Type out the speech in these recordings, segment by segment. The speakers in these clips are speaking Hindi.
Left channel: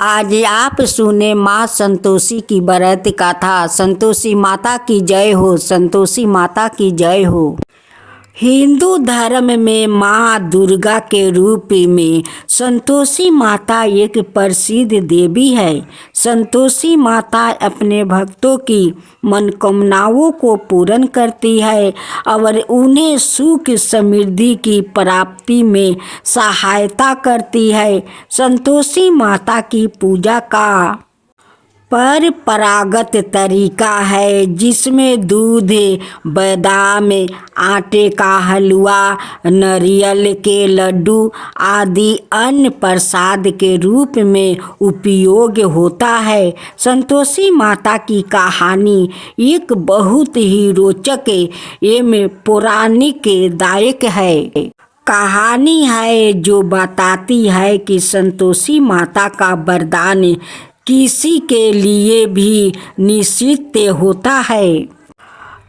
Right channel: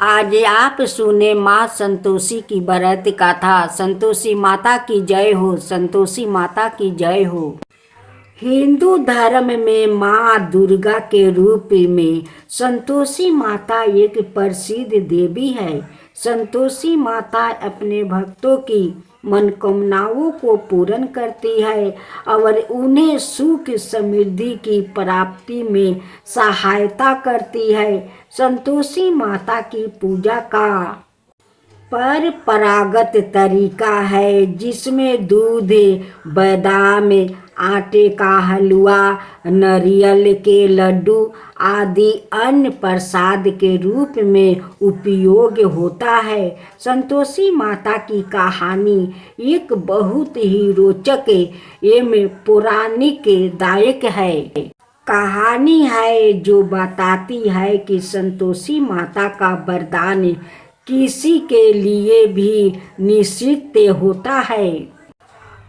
आज आप सुने माँ संतोषी की व्रत कथा। संतोषी माता की जय हो, संतोषी माता की जय हो। हिंदू धर्म में माँ दुर्गा के रूप में संतोषी माता एक प्रसिद्ध देवी है। संतोषी माता अपने भक्तों की मनोकामनाओं को पूर्ण करती है और उन्हें सुख समृद्धि की प्राप्ति में सहायता करती है। संतोषी माता की पूजा का परंपरागत तरीका है जिसमें दूध, बादाम, आटे का हलवा, नारियल के लड्डू आदि अन्न प्रसाद के रूप में उपयोग होता है। संतोषी माता की कहानी एक बहुत ही रोचक एवं पौराणिक दायक है। कहानी है जो बताती है कि संतोषी माता का वरदान किसी के लिए भी निश्चित होता है।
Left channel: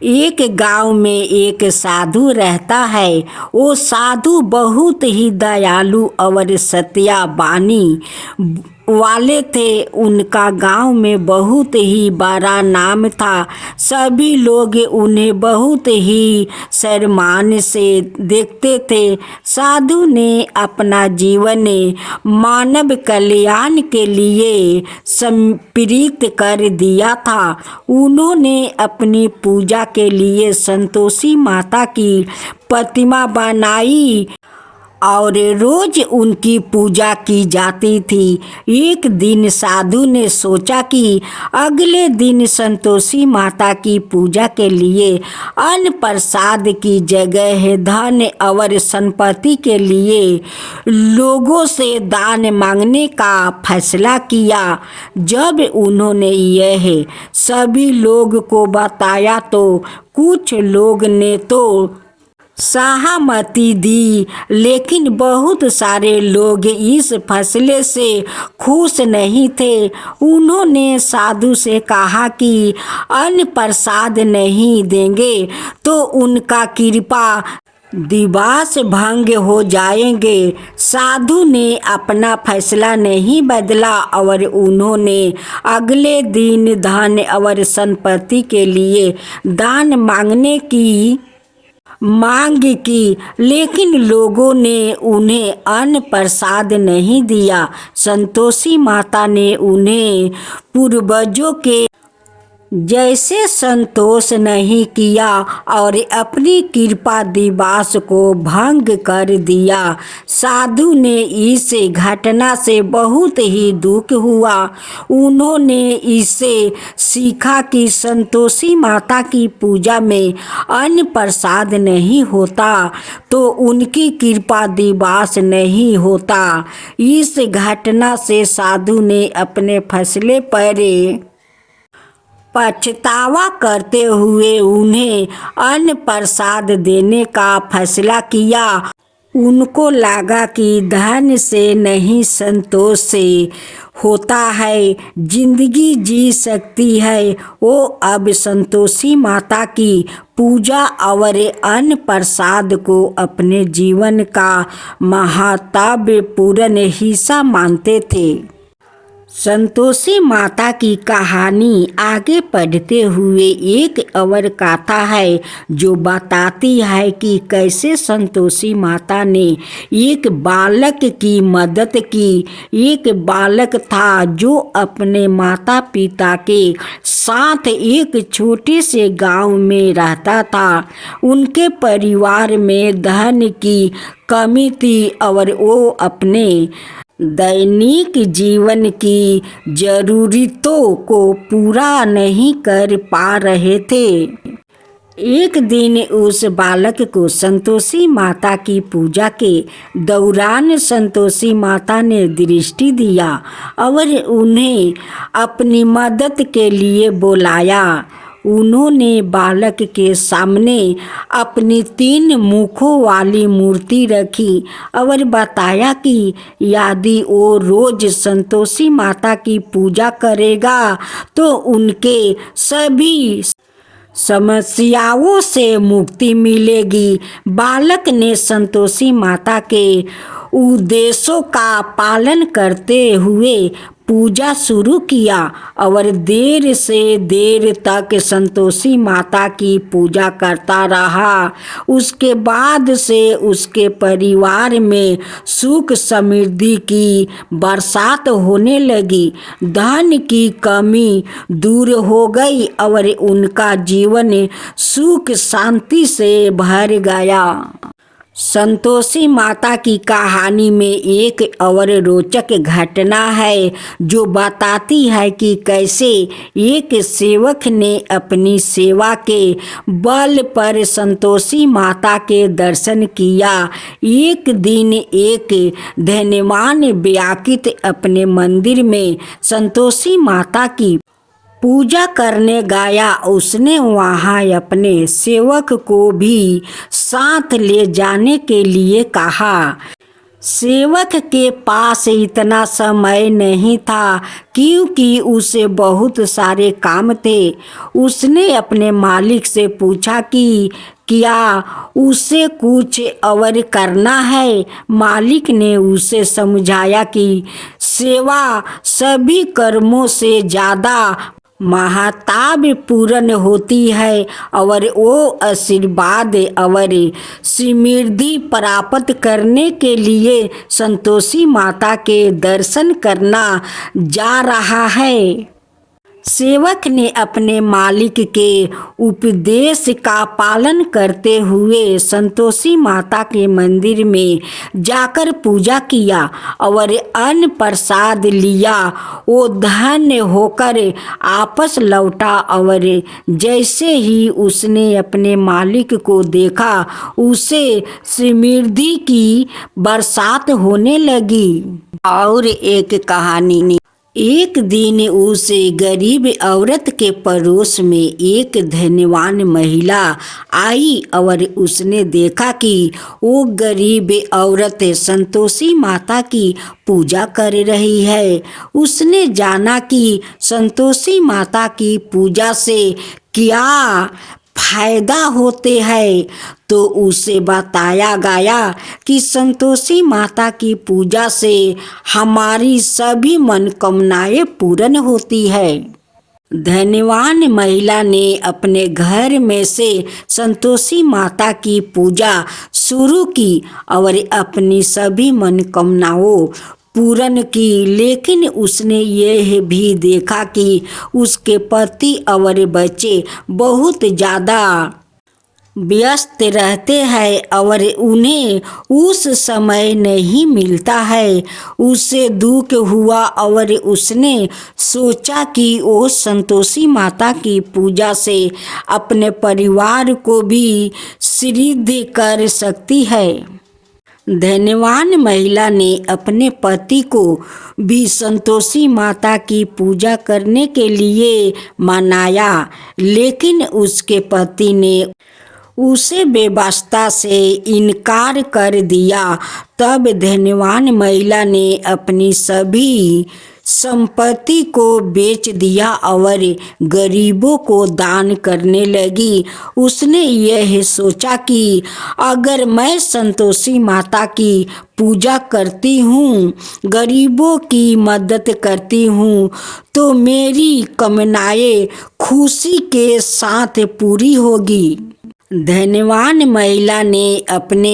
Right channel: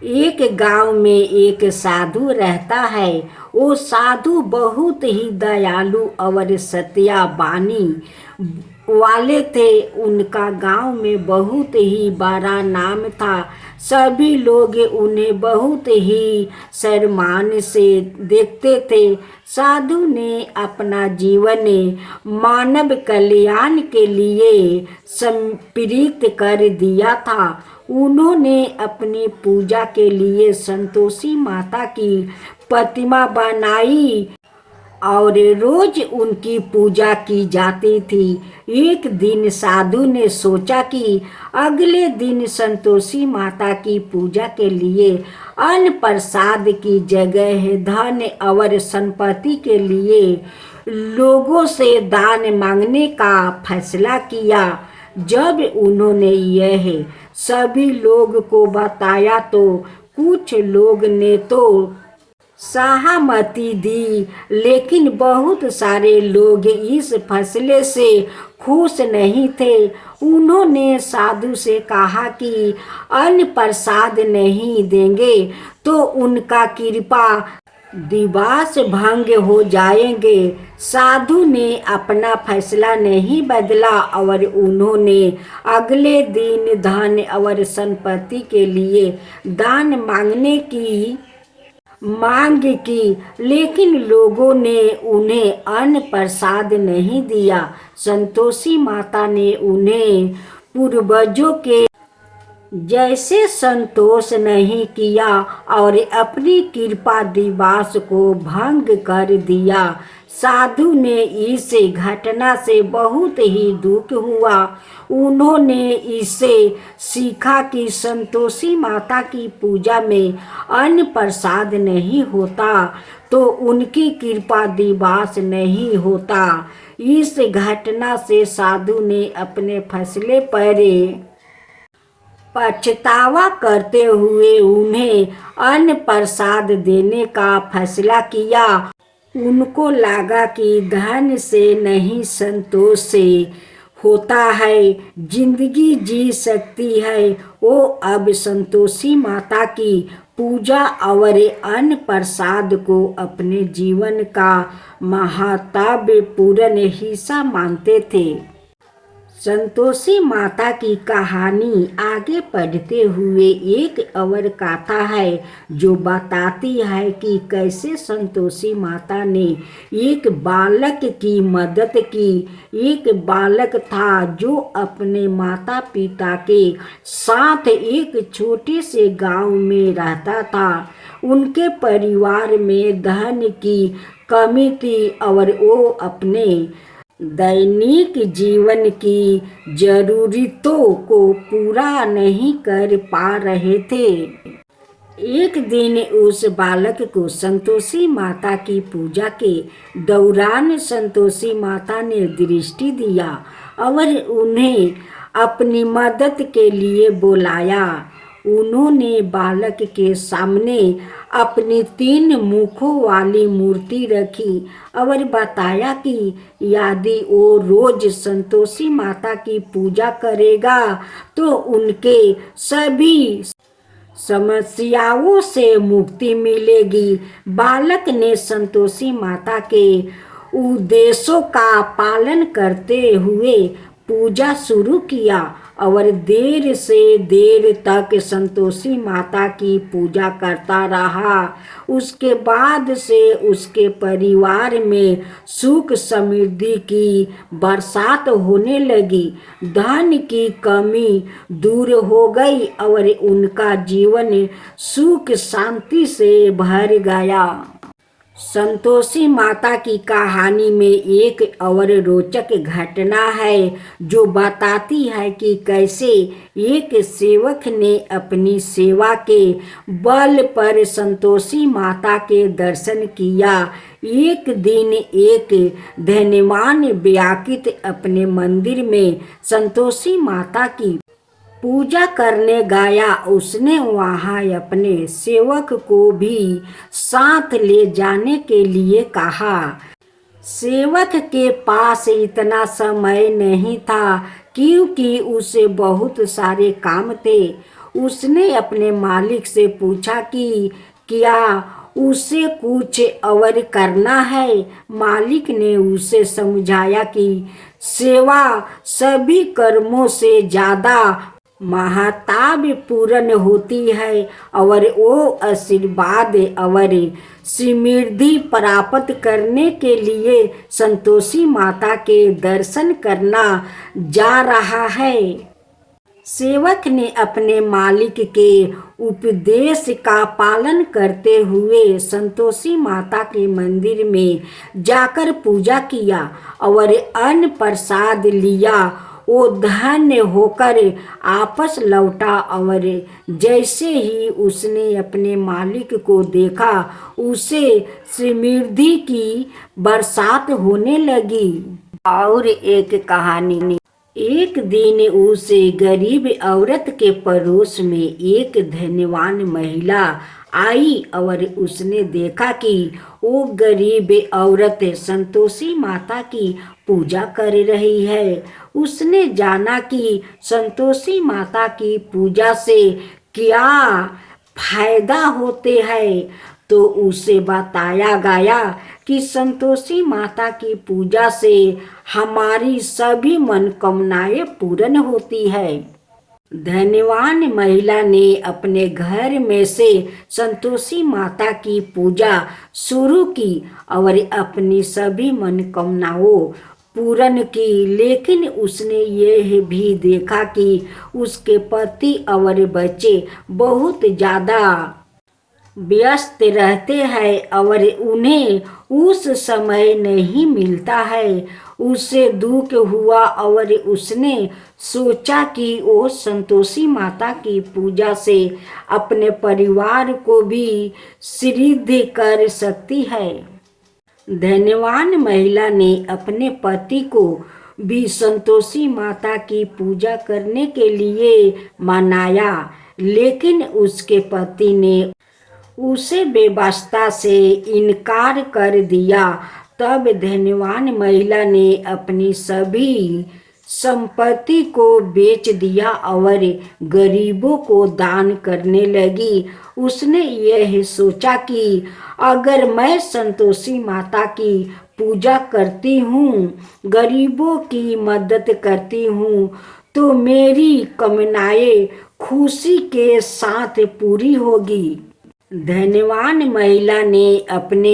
एक गांव में एक साधु रहता है। वो साधु बहुत ही दयालु और सत्यावानी वाले थे। उनका गांव में बहुत ही बड़ा नाम था। सभी लोग उन्हें बहुत ही सम्मान से देखते थे। साधु ने अपना जीवन मानव कल्याण के लिए समर्पित कर दिया था। उन्होंने अपनी पूजा के लिए संतोषी माता की प्रतिमा बनाई और रोज उनकी पूजा की जाती थी। एक दिन साधु ने सोचा कि अगले दिन संतोषी माता की पूजा के लिए अन्न प्रसाद की जगह धन और संपत्ति के लिए लोगों से दान मांगने का फैसला किया। जब उन्होंने यह सभी लोग को बताया तो कुछ लोग ने तो सहमति दी, लेकिन बहुत सारे लोग इस फैसले से खुश नहीं थे। उन्होंने साधु से कहा कि अन्न प्रसाद नहीं देंगे तो उनका कृपा दिवस भंग हो जाएंगे। साधु ने अपना फैसला नहीं बदला और उन्होंने अगले दिन धन और संपत्ति के लिए दान मांगने की मांग की, लेकिन लोगों ने उन्हें अन्न प्रसाद नहीं दिया। संतोषी माता ने उन्हें पूर्वजों के जैसे संतोष नहीं किया और अपनी कृपा दिवस को भंग कर दिया। साधु ने इस घटना से बहुत ही दुख हुआ। उन्होंने इससे सीखा कि संतोषी माता की पूजा में अन्न प्रसाद नहीं होता तो उनकी कृपा दिवस नहीं होता। इस घटना से साधु ने अपने फैसले पर पछतावा करते हुए उन्हें अन्न प्रसाद देने का फैसला किया। उनको लगा कि धन से नहीं संतोष से होता है, जिंदगी जी सकती है। वो अब संतोषी माता की पूजा और अन्न प्रसाद को अपने जीवन का महत्वपूर्ण हिस्सा मानते थे। संतोषी माता की कहानी आगे पढ़ते हुए एक और कथा है जो बताती है कि कैसे संतोषी माता ने एक बालक की मदद की। एक बालक था जो अपने माता पिता के साथ एक छोटे से गांव में रहता था। उनके परिवार में धन की कमी थी और वो अपने दैनिक जीवन की जरूरतों को पूरा नहीं कर पा रहे थे। एक दिन उस बालक को संतोषी माता की पूजा के दौरान संतोषी माता ने दृष्टि दिया और उन्हें अपनी मदद के लिए बुलाया। उन्होंने बालक के सामने अपनी 3 मुखों वाली मूर्ति रखी और बताया कि यदि वो रोज संतोषी माता की पूजा करेगा तो उनके सभी समस्याओं से मुक्ति मिलेगी। बालक ने संतोषी माता के उद्देश्यों का पालन करते हुए पूजा शुरू किया और देर से देर तक संतोषी माता की पूजा करता रहा। उसके बाद से उसके परिवार में सुख समृद्धि की बरसात होने लगी। धन की कमी दूर हो गई और उनका जीवन सुख शांति से भर गया। संतोषी माता की कहानी में एक और रोचक घटना है जो बताती है कि कैसे एक सेवक ने अपनी सेवा के बल पर संतोषी माता के दर्शन किया। एक दिन एक धनवान व्यक्ति अपने मंदिर में संतोषी माता की पूजा करने गया। उसने वहां अपने सेवक को भी साथ ले जाने के लिए कहा। सेवक के पास इतना समय नहीं था क्योंकि उसे बहुत सारे काम थे। उसने अपने मालिक से पूछा कि क्या उसे कुछ और करना है। मालिक ने उसे समझाया कि सेवा सभी कर्मों से ज़्यादा महत्वपूर्ण होती है और वो आशीर्वाद और समृद्धि प्राप्त करने के लिए संतोषी माता के दर्शन करना जा रहा है। सेवक ने अपने मालिक के उपदेश का पालन करते हुए संतोषी माता के मंदिर में जाकर पूजा किया और अन्न प्रसाद लिया। वो धन्य होकर आपस लौटा और जैसे ही उसने अपने मालिक को देखा उसे समृद्धि की बरसात होने लगी। और एक कहानी, एक दिन उस गरीब औरत के पड़ोस में एक धनवान महिला आई और उसने देखा कि वो गरीब औरत संतोषी माता की पूजा कर रही है। उसने जाना कि संतोषी माता की पूजा से क्या फायदा होते हैं, तो उसे बताया गया कि संतोषी माता की पूजा से हमारी सभी मनोकामनाएं पूर्ण होती है। धनवान महिला ने अपने घर में से संतोषी माता की पूजा शुरू की और अपनी सभी मनोकामनाओं पूर्ण की। लेकिन उसने यह भी देखा कि उसके पति और बच्चे बहुत ज़्यादा व्यस्त रहते हैं और उन्हें उस समय नहीं मिलता है। उसे दुख हुआ और उसने सोचा कि वो संतोषी माता की पूजा से अपने परिवार को भी समृद्ध कर सकती है। धनवान महिला ने अपने पति को भी संतोषी माता की पूजा करने के लिए मनाया, लेकिन उसके पति ने उसे बेवास्ता से इनकार कर दिया। तब धनवान महिला ने अपनी सभी संपत्ति को बेच दिया और गरीबों को दान करने लगी। उसने यह सोचा कि अगर मैं संतोषी माता की पूजा करती हूँ, गरीबों की मदद करती हूँ, तो मेरी कामनाएं खुशी के साथ पूरी होगी। धनवान महिला ने अपने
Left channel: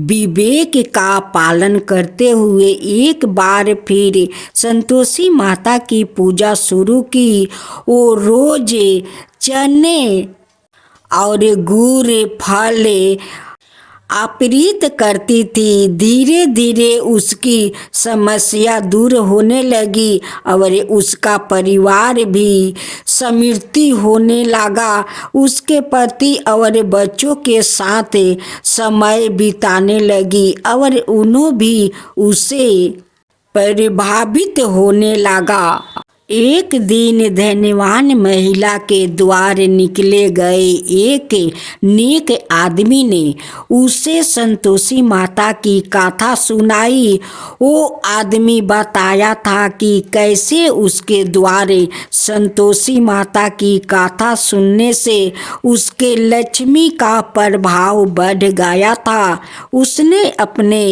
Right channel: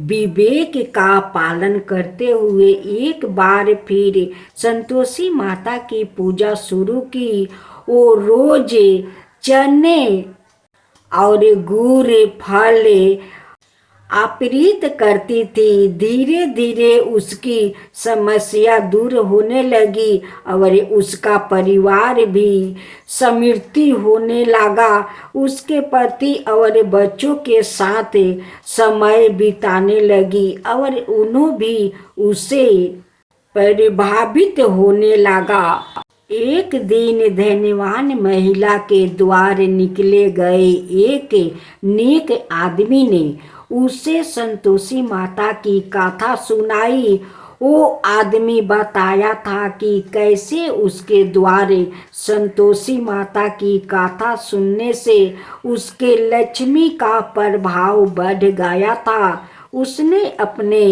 विवेक का पालन करते हुए एक बार फिर संतोषी माता की पूजा शुरू की। वो रोज चने और गुड़ फल अर्पित करती थी। धीरे धीरे उसकी समस्या दूर होने लगी और उसका परिवार भी समृद्धि होने लगा। उसके पति और बच्चों के साथ समय बिताने लगी और उन्हें भी उससे प्रभावित होने लगा। एक दिन धनवान महिला के द्वार निकले गए एक नेक आदमी ने उसे संतोषी माता की कथा सुनाई। वो आदमी बताया था कि कैसे उसके द्वारे संतोषी माता की कथा सुनने से उसके लक्ष्मी का प्रभाव बढ़ गया था। उसने अपने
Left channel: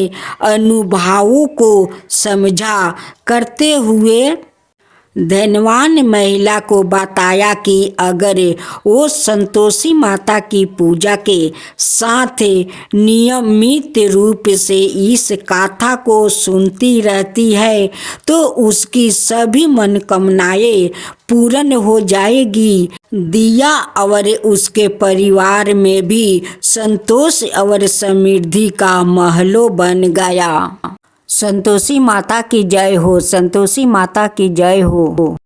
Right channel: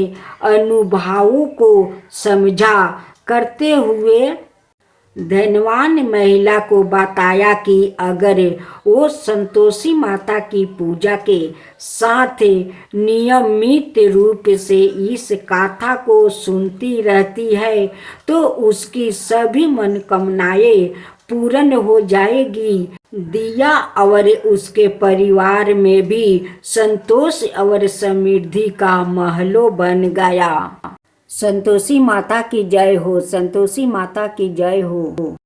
अनुभवों को समझा करते हुए धनवान महिला को बताया कि अगर वो संतोषी माता की पूजा के साथ नियमित रूप से इस गाथा को सुनती रहती है तो उसकी सभी मनोकामनाएं पूर्ण हो जाएगी। दिया और उसके परिवार में भी संतोष और समृद्धि का महलो बन गया। संतोषी माता की जय हो। संतोषी माता की जय हो।